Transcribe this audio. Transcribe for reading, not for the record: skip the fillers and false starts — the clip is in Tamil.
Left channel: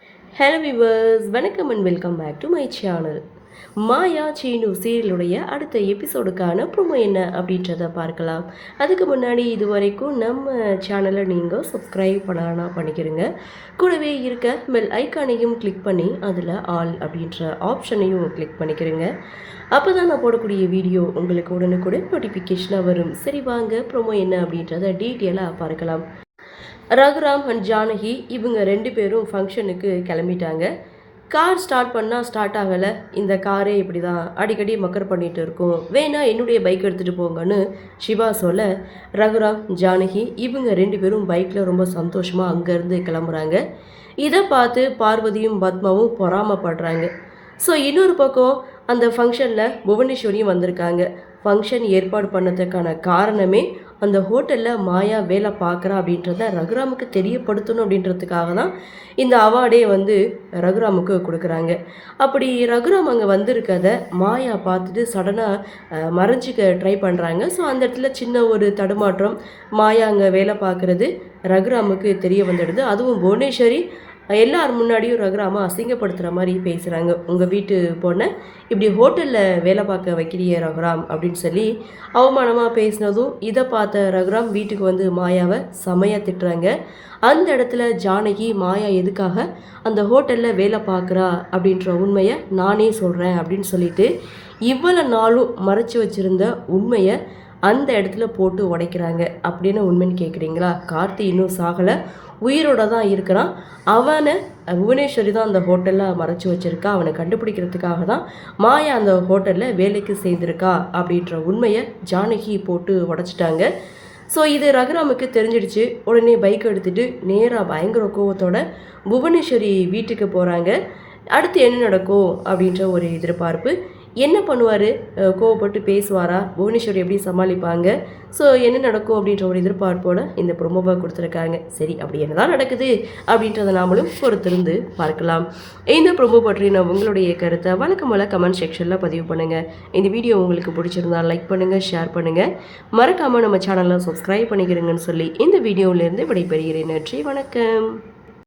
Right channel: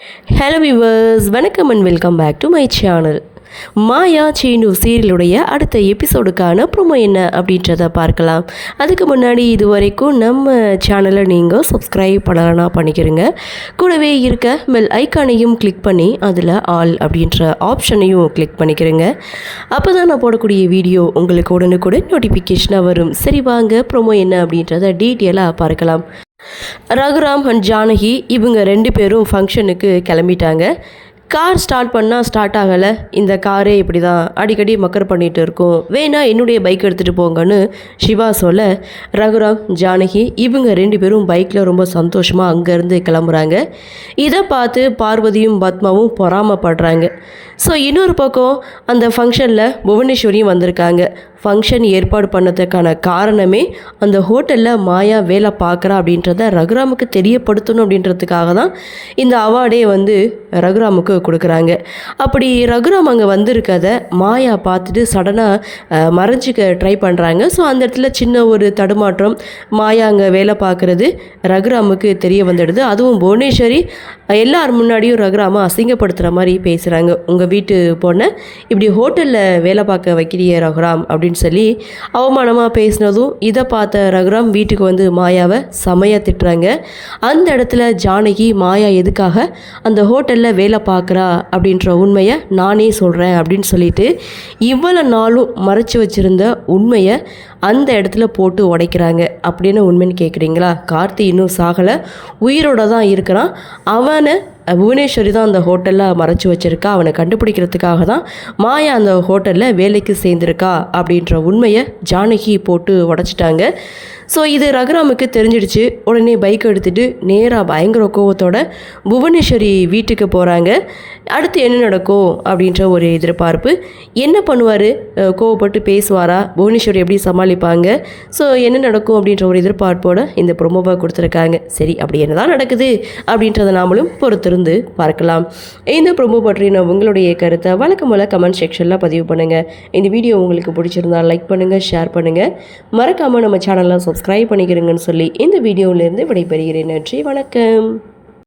ஹலோ வியூவர்ஸ், வணக்கம் and welcome back to my channel. Maya Seenu சீரியலுடைய அடுத்த எபிசோடுக்கான ப்ரோமோ என்ன அப்படின்றத பார்க்கலாம். அதுக்கு முன்னாடி இது வரைக்கும் நம்ம சேனலை நீங்கள் சப்ஸ்கிரைப் பண்ணலன்னா பண்ணிக்கிறங்க. கூடவே இருக்க பெல் ஐக்கானையும் கிளிக் பண்ணி அதில் ஆல் அப்படின்ற ஆப்ஷனையும் கிளிக் பண்ணிக்கிறங்க. அப்போ தான் நான் போடக்கூடிய வீடியோ உங்களுக்கு உடனுக்குடன் நோட்டிஃபிகேஷனாக வரும். சரி வாங்க ப்ரோமோ என்ன அப்படின்றத டீட்டெயிலாக பார்க்கலாம். ரகுராம் அண்ட் ஜானகி இவங்க 2 பேரும் ஃபங்க்ஷனுக்கு கிளம்பிட்டாங்க. கார் ஸ்டார்ட் பண்ணால் ஸ்டார்ட் ஆகலை. இந்த காரே இப்படி தான் அடிக்கடி மக்கர் பண்ணிகிட்டு இருக்கும், வேணா என்னுடைய பைக் எடுத்துகிட்டு போங்கன்னு சிவா சொல்ல, ரகுராம் ஜானகி இவங்க 2 பேரும் பைக்கில் ரொம்ப சந்தோஷமாக அங்கேருந்து கிளம்புறாங்க. இதை பார்த்து பார்வதியும் பத்மாவும் பொறாமப்படுறாங்க. ஸோ இன்னொரு பக்கம் அந்த ஃபங்க்ஷனில் புவனேஸ்வரியும் வந்திருக்காங்க. ஃபங்க்ஷன் ஏற்பாடு பண்ணதுக்கான காரணமே அந்த ஹோட்டலில் மாயா வேலை பார்க்குறா அப்படின்றத ரகுராமுக்கு தெரியப்படுத்தணும் அப்படின்றதுக்காக தான் இந்த அவார்டே ரகுராமுக்கு கொடுக்குறாங்க. அப்படி ரகுராம் அங்கே வந்திருக்கதை மாயா பார்த்துட்டு சடனாக மறைஞ்சிக்க ட்ரை பண்ணுறாங்க. ஸோ அந்த இடத்துல சின்ன ஒரு தடுமாற்றம், மாயா அங்கே வேலை பார்க்குறது ரகுராமுக்கு தெரிய வந்துடுது. அதுவும் புவனேஸ்வரி எல்லார் முன்னாடியும் ரகுராமை அசிங்கப்படுத்துகிற மாதிரி பேசுகிறாங்க. உங்கள் வீட்டு பொண்ணை இப்படி ஹோட்டலில் வேலை பார்க்க வைக்கிறிய ரகுராம் அப்படின்னு சொல்லி அவமானமாக பேசினதும் இதை பார்த்த ரகுராம் வீட்டுக்கு மாயாவை செமையாக திட்டுறாங்க. அந்த இடத்துல ஜானகி மாயா எதுக்காக அந்த ஹோட்டலில் வேலை பார்க்குறா அப்படின்ற உண்மையை நானே சொல்கிறேன் அப்படின்னு சொல்லிட்டு இவ்வளோ நாளும் மறைச்சி வச்சுருந்த உண்மையை அந்த இடத்துல போட்டு உடைக்கிறாங்க. அப்படின்னு உண்மைன்னு கேட்குறீங்களா? கார்த்தி இன்னும் சாகலை, உயிரோட தான் இருக்கிறான். அவனை புவனேஸ்வரி தான் அந்த ஹோட்டலில் மறைச்சி வச்சுருக்கா. அவனை கண்டுபிடிக்கிறதுக்காக தான் மாயா அந்த ஹோட்டலில் வேலைக்கு சேர்ந்துருக்கா அப்படின்ற உண்மையை ஜானகி போட்டு உடைச்சிட்டாங்க. ஸோ இது ரகுராமுக்கு தெரிஞ்சிடுச்சு. உடனே பைக் எடுத்துகிட்டு நேராக பயங்கர கோவத்தோட புவனேஸ்வரி வீட்டுக்கு போகிறாங்க. அடுத்து என்ன நடக்கும் அப்படின்ற ஒரு எதிர்பார்ப்பு. என்ன பண்ணுவார்? கோவப்பட்டு பேசுவாரா? புவனேஸ்வரி எப்படி சமாளிப்பாங்க? ஸோ என்ன நடக்கும் அப்படின்ற ஒரு எதிர்பார்ப்போடு இந்த ப்ரொமோவாக கொடுத்துருக்காங்க. சரி, அப்படி என்ன தான் நடக்குது அப்படின்றத நாமளும் பொறுத்திருந்து பார்க்கலாம். இந்த ப்ரொமோ பற்றின உங்களுடைய கருத்தை வழக்கம் போல் கமெண்ட் செக்ஷனில் பதிவு பண்ணுங்கள். இந்த வீடியோ உங்களுக்கு பிடிச்சிருந்தால் லைக் பண்ணுங்கள், ஷேர் பண்ணுங்கள். மறக்காமல் நம்ம சேனலில் சப்ஸ்கிரைப் பண்ணிக்கிறீங்கன்னு சொல்லி இந்த வீடியோவிலேருந்து விடைபெறுகிறேன். நன்றி, வணக்கம்.